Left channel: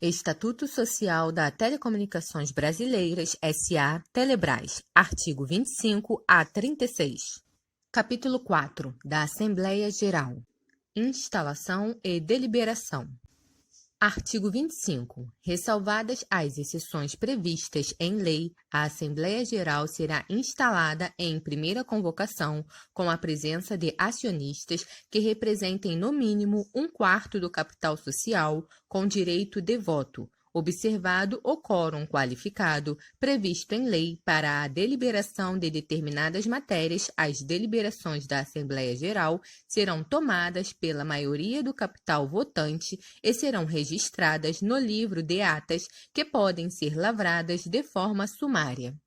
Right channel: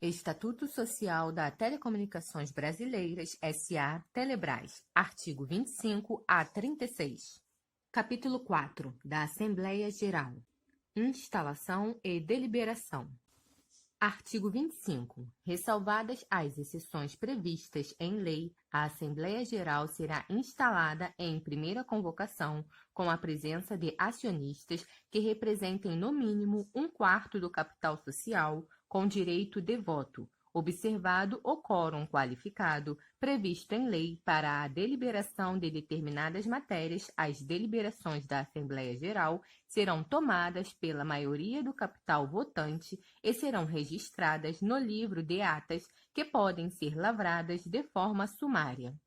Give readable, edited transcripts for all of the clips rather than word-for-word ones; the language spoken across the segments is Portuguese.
Estatuto Social da Telecomunicações Brasileiras S.A. Telebrás, artigo 25 a 36. Capítulo 4 da Assembleia Geral. Instalação e deliberação. Artigo 25. Ressalvadas as exceções previstas em lei, a Assembleia Geral será instalada em primeira convocação com a presença de acionistas que representem no mínimo 1/4 do capital social com direito de voto, observado o quórum qualificado previsto em lei para a deliberação de determinadas matérias. As deliberações da Assembleia Geral serão tomadas pela maioria do capital votante e serão registradas no livro de atas, que podem ser lavradas de forma sumária.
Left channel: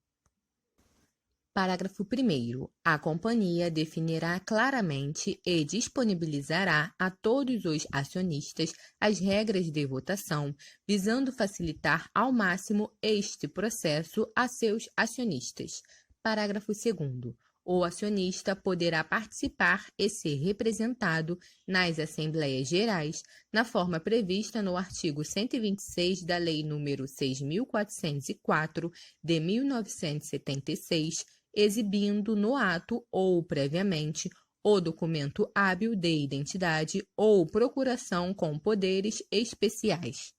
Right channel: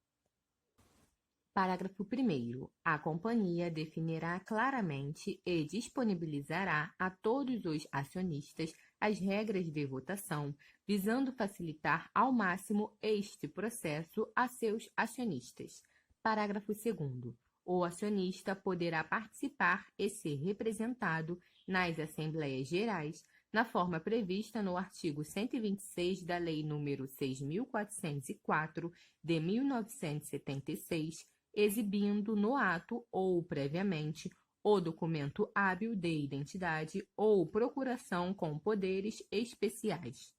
Parágrafo 1º. A companhia definirá claramente e disponibilizará a todos os acionistas as regras de votação, visando facilitar ao máximo este processo a seus acionistas. Parágrafo 2º. O acionista poderá participar e ser representado nas Assembleias Gerais na forma prevista no artigo 126 da Lei nº 6.404, de 1976, exibindo no ato ou previamente o documento hábil de identidade ou procuração com poderes especiais.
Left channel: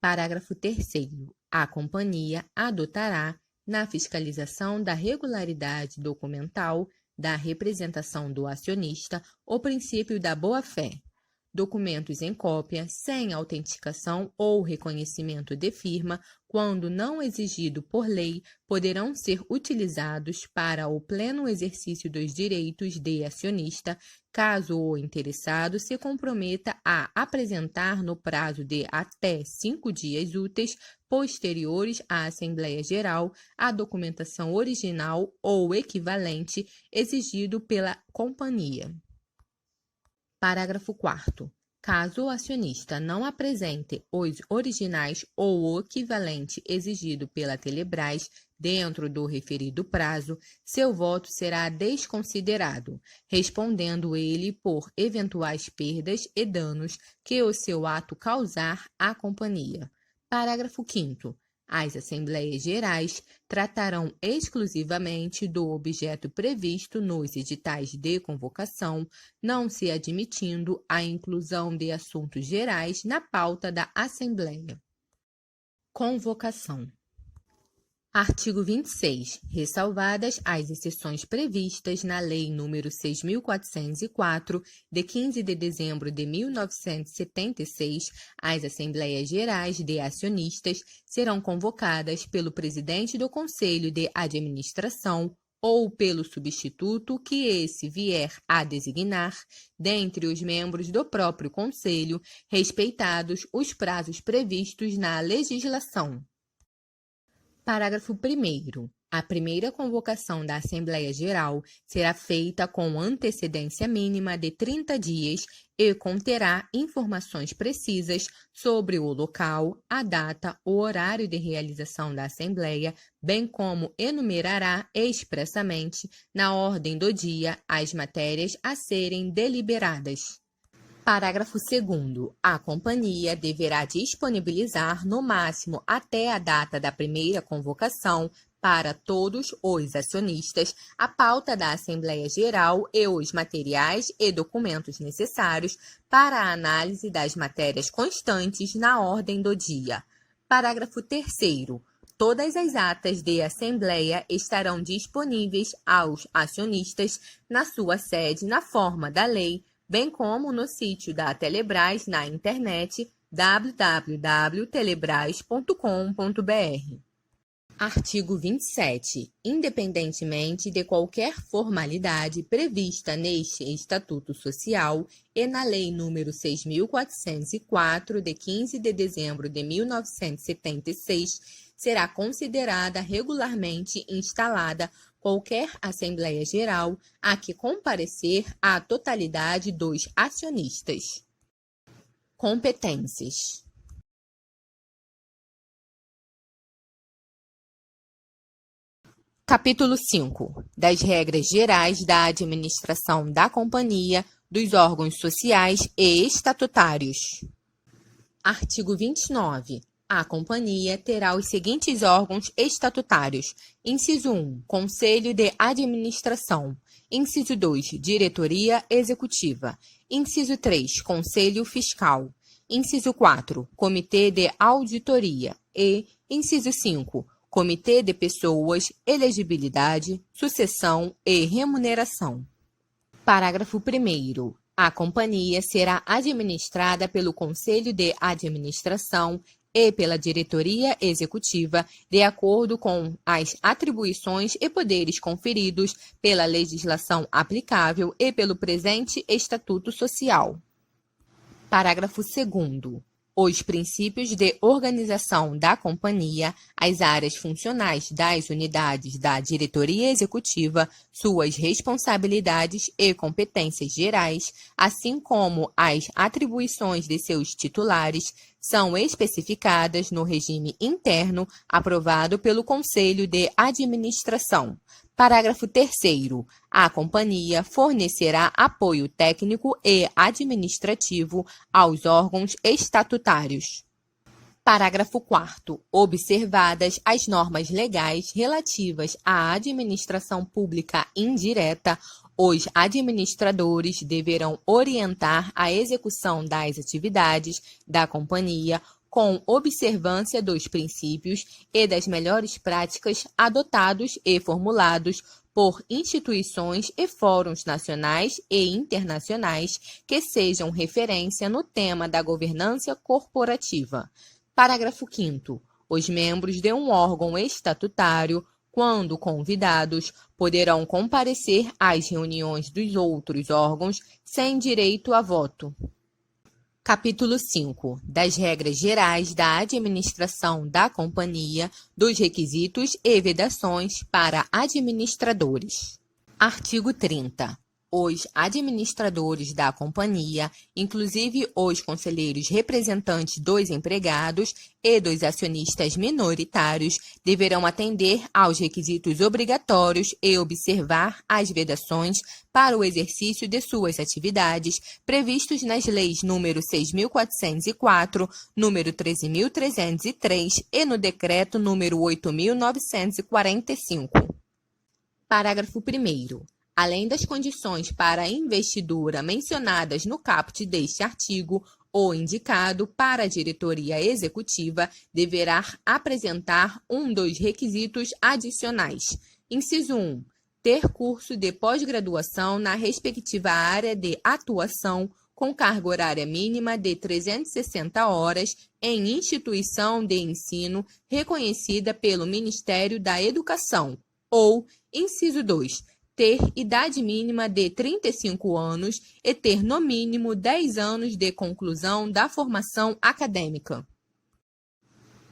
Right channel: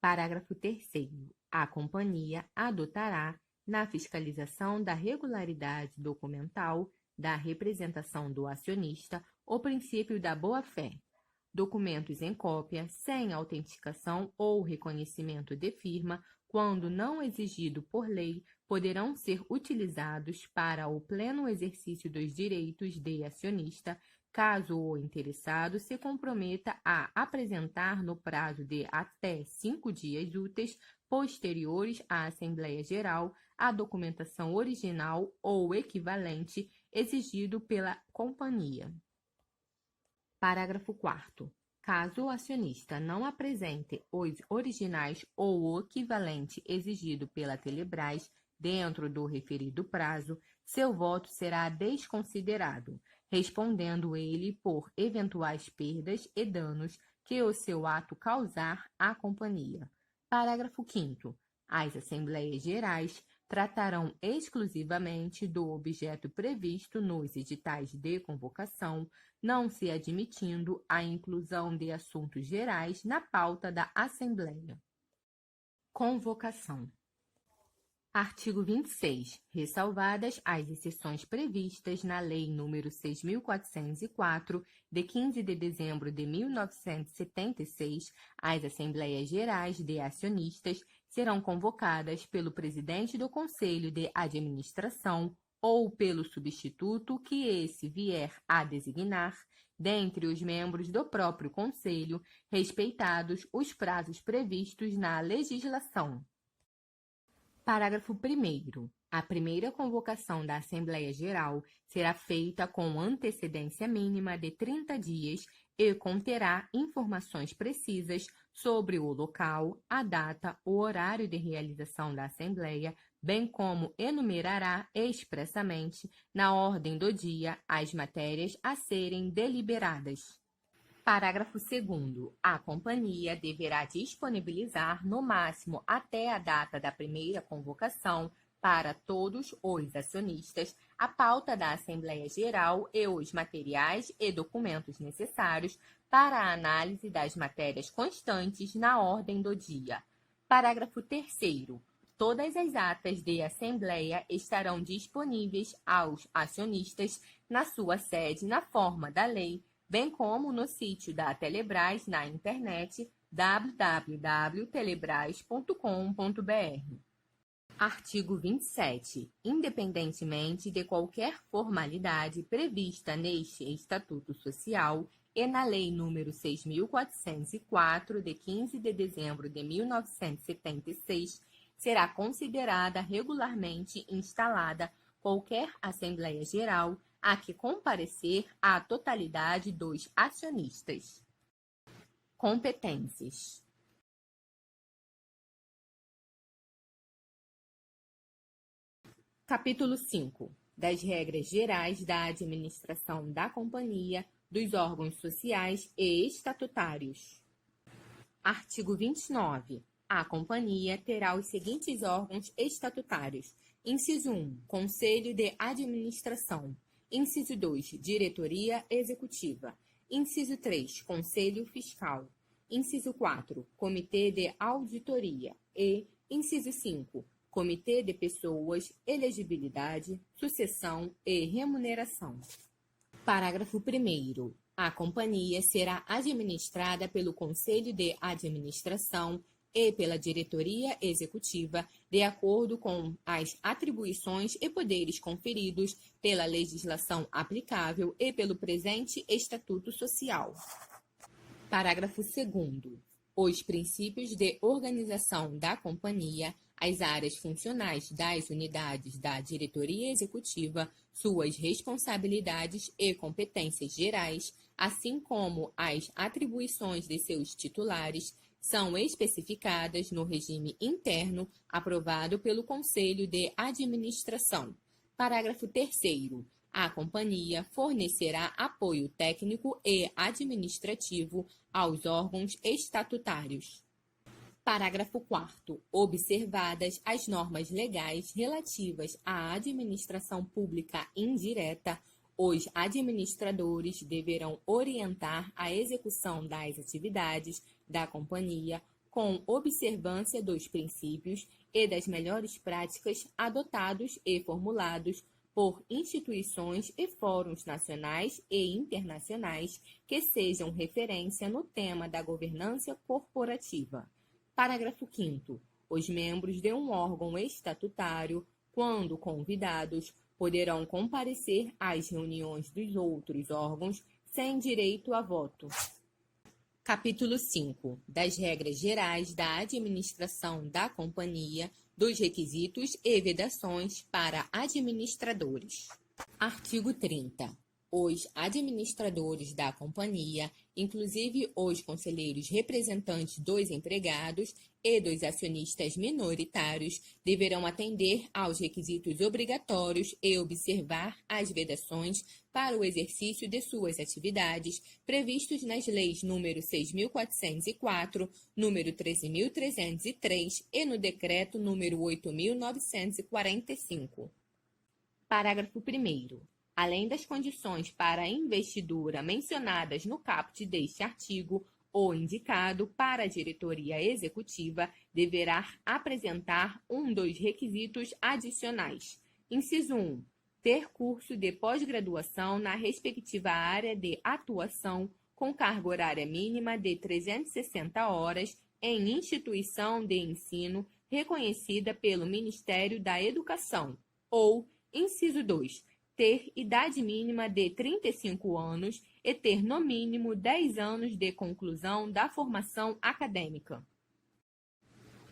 Parágrafo 3º. A companhia adotará, na fiscalização da regularidade documental da representação do acionista, o princípio da boa-fé. Documentos em cópia, sem autenticação ou reconhecimento de firma, quando não exigido por lei, poderão ser utilizados para o pleno exercício dos direitos de acionista, caso o interessado se comprometa a apresentar no prazo de até 5 dias úteis posteriores à Assembleia Geral a documentação original ou equivalente exigido pela companhia. Parágrafo 4º. Caso o acionista não apresente os originais ou o equivalente exigido pela Telebrás dentro do referido prazo, seu voto será desconsiderado, respondendo ele por eventuais perdas e danos que o seu ato causar à companhia. Parágrafo 5º. As Assembleias Gerais tratarão exclusivamente do objeto previsto nos editais de convocação, não se admitindo a inclusão de assuntos gerais na pauta da Assembleia. Convocação. Artigo 26. Ressalvadas as exceções previstas na Lei nº 6.404, de 15 de dezembro de 1976, as Assembleias Gerais de Acionistas serão convocadas pelo presidente do Conselho de Administração ou pelo substituto que esse vier a designar, dentre os membros do próprio Conselho, respeitados os prazos previstos na legislação. Parágrafo 1º. A primeira convocação da Assembleia Geral será feita com antecedência mínima de 30 dias e conterá informações precisas sobre o local, a data, o horário de realização da Assembleia, bem como enumerará expressamente, na ordem do dia, as matérias a serem deliberadas. Parágrafo 2º. A companhia deverá disponibilizar, no máximo até a data da primeira convocação, para todos os acionistas, a pauta da Assembleia Geral e os materiais e documentos necessários para a análise das matérias constantes na ordem do dia. Parágrafo 3º. Todas as atas de Assembleia estarão disponíveis aos acionistas na sua sede na forma da lei, bem como no sítio da Telebrás na internet www.telebrás.com.br. Artigo 27. Independentemente de qualquer formalidade prevista neste Estatuto Social e na Lei nº 6.404, de 15 de dezembro de 1976, será considerada regularmente instalada qualquer Assembleia Geral a que comparecer a totalidade dos acionistas. Competências. Capítulo 5. Das regras gerais da administração da companhia, dos órgãos sociais e estatutários. Artigo 29. A companhia terá os seguintes órgãos estatutários: inciso 1, Conselho de Administração; inciso 2, Diretoria Executiva; inciso 3, Conselho Fiscal; inciso 4, Comitê de Auditoria e inciso 5, Comitê de Pessoas, Elegibilidade, Sucessão e Remuneração. Parágrafo 1º. A companhia será administrada pelo Conselho de Administração e pela Diretoria Executiva, de acordo com as atribuições e poderes conferidos pela legislação aplicável e pelo presente Estatuto Social. Parágrafo 2º. Os princípios de organização da companhia, as áreas funcionais das unidades da diretoria executiva, suas responsabilidades e competências gerais, assim como as atribuições de seus titulares, são especificadas no regime interno aprovado pelo Conselho de Administração. Parágrafo 3º. A companhia fornecerá apoio técnico e administrativo aos órgãos estatutários. Parágrafo 4º. Observadas as normas legais relativas à administração pública indireta, os administradores deverão orientar a execução das atividades da companhia com observância dos princípios e das melhores práticas adotados e formulados por instituições e fóruns nacionais e internacionais que sejam referência no tema da governança corporativa. Parágrafo 5º. Os membros de um órgão estatutário, quando convidados, poderão comparecer às reuniões dos outros órgãos sem direito a voto. Capítulo 5. Das regras gerais da administração da companhia, dos requisitos e vedações para administradores. Artigo 30. Os administradores da companhia, inclusive os conselheiros representantes dos empregados e dos acionistas minoritários, deverão atender aos requisitos obrigatórios e observar as vedações para o exercício de suas atividades previstos nas leis nº 6.404, nº 13.303 e no decreto nº 8.945. Parágrafo 1º. Além das condições para a investidura mencionadas no caput deste artigo, o indicado para a diretoria executiva deverá apresentar um dos requisitos adicionais. Inciso 1. Ter curso de pós-graduação na respectiva área de atuação, com carga horária mínima de 360 horas em instituição de ensino reconhecida pelo Ministério da Educação. Ou, inciso 2. Ter idade mínima de 35 anos e ter no mínimo 10 anos de conclusão da formação acadêmica.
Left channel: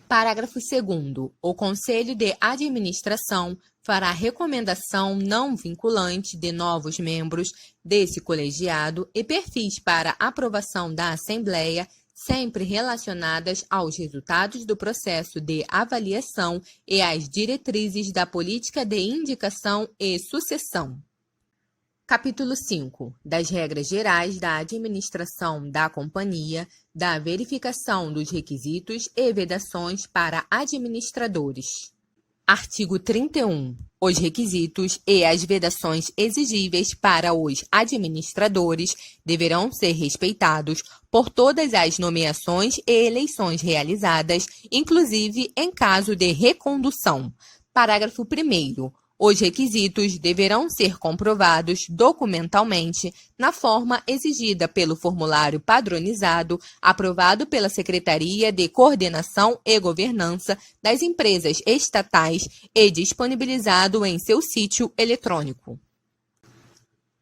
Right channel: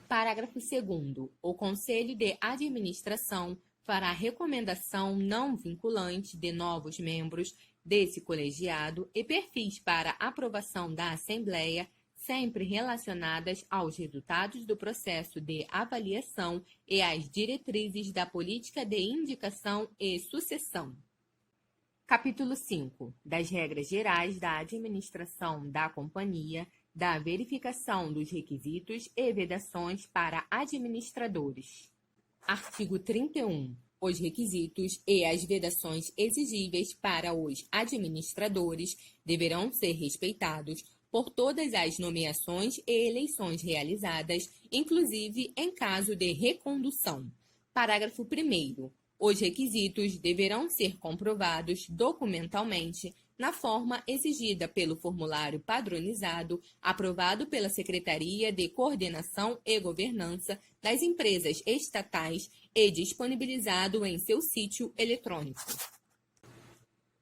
Parágrafo 2º. O Conselho de Administração fará recomendação não vinculante de novos membros desse colegiado e perfis para aprovação da Assembleia, sempre relacionadas aos resultados do processo de avaliação e às diretrizes da política de indicação e sucessão. Capítulo 5. Das regras gerais da administração da companhia, da verificação dos requisitos e vedações para administradores. Artigo 31. Os requisitos e as vedações exigíveis para os administradores deverão ser respeitados por todas as nomeações e eleições realizadas, inclusive em caso de recondução. Parágrafo 1º. Os requisitos deverão ser comprovados documentalmente na forma exigida pelo formulário padronizado aprovado pela Secretaria de Coordenação e Governança das Empresas Estatais e disponibilizado em seu sítio eletrônico.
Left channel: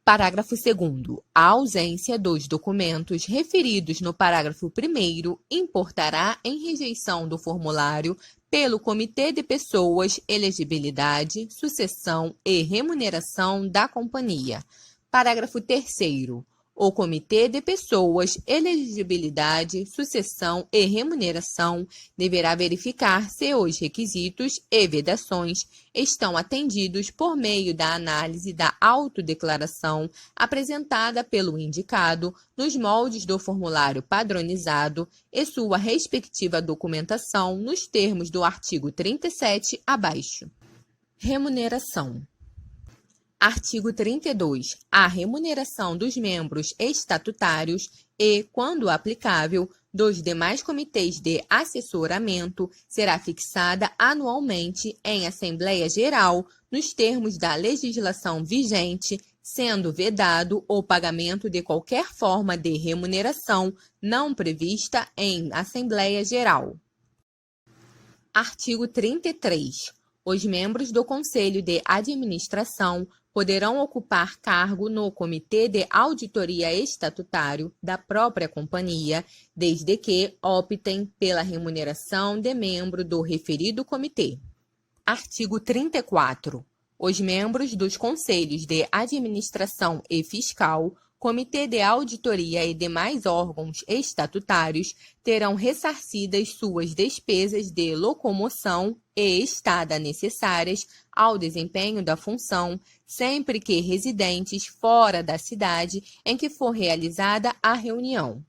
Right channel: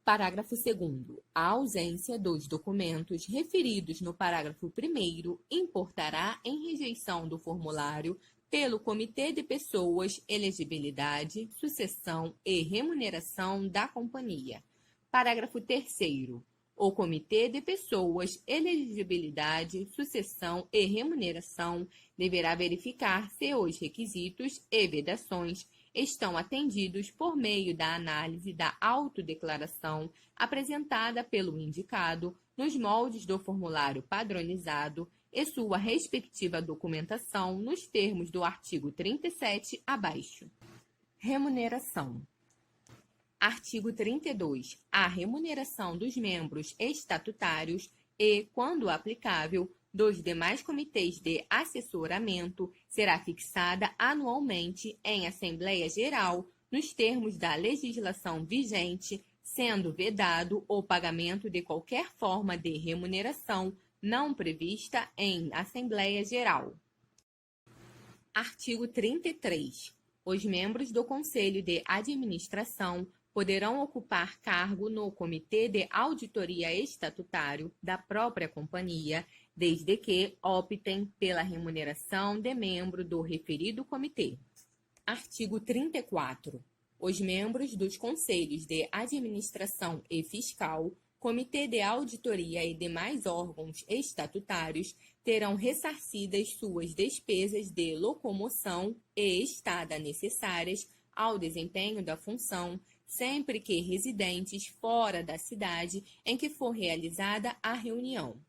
Parágrafo 2º. A ausência dos documentos referidos no parágrafo 1º importará em rejeição do formulário pelo Comitê de Pessoas, Elegibilidade, Sucessão e Remuneração da Companhia. Parágrafo 3º. O Comitê de Pessoas, Elegibilidade, Sucessão e Remuneração deverá verificar se os requisitos e vedações estão atendidos por meio da análise da autodeclaração apresentada pelo indicado nos moldes do formulário padronizado e sua respectiva documentação nos termos do artigo 37 abaixo. Remuneração. Artigo 32. A remuneração dos membros estatutários e, quando aplicável, dos demais comitês de assessoramento será fixada anualmente em Assembleia Geral nos termos da legislação vigente, sendo vedado o pagamento de qualquer forma de remuneração não prevista em Assembleia Geral. Artigo 33. Os membros do Conselho de Administração poderão ocupar cargo no Comitê de Auditoria Estatutário da própria companhia, desde que optem pela remuneração de membro do referido comitê. Artigo 34. Os membros dos Conselhos de Administração e Fiscal, Comitê de Auditoria e demais órgãos estatutários terão ressarcidas suas despesas de locomoção e estada necessárias ao desempenho da função, sempre que residentes fora da cidade em que for realizada a reunião.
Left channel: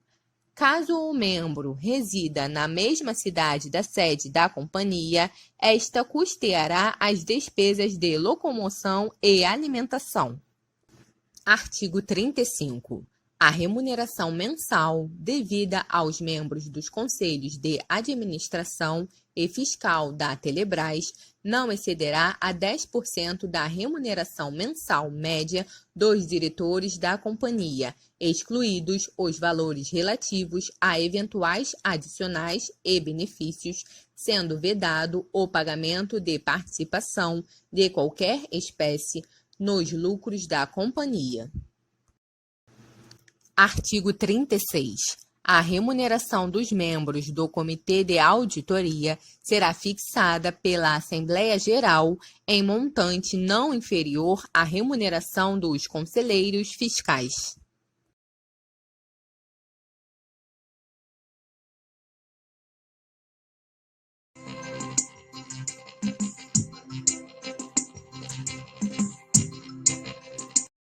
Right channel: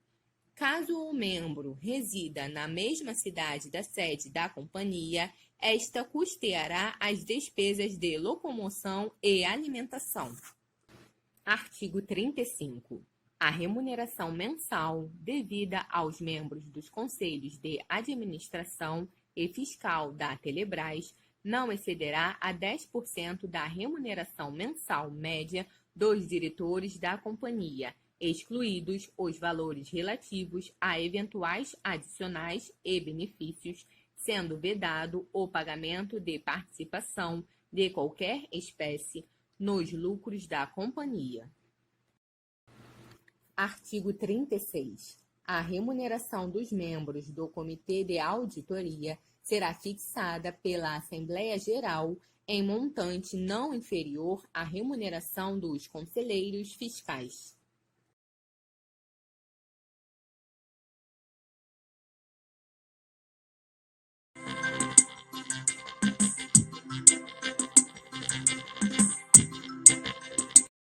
Caso o membro resida na mesma cidade da sede da companhia, esta custeará as despesas de locomoção e alimentação. Artigo 35. A remuneração mensal devida aos membros dos Conselhos de Administração e Fiscal da Telebrás não excederá a 10% da remuneração mensal média dos diretores da companhia, excluídos os valores relativos a eventuais adicionais e benefícios, sendo vedado o pagamento de participação de qualquer espécie nos lucros da companhia. Artigo 36. A remuneração dos membros do Comitê de Auditoria será fixada pela Assembleia Geral em montante não inferior à remuneração dos conselheiros fiscais.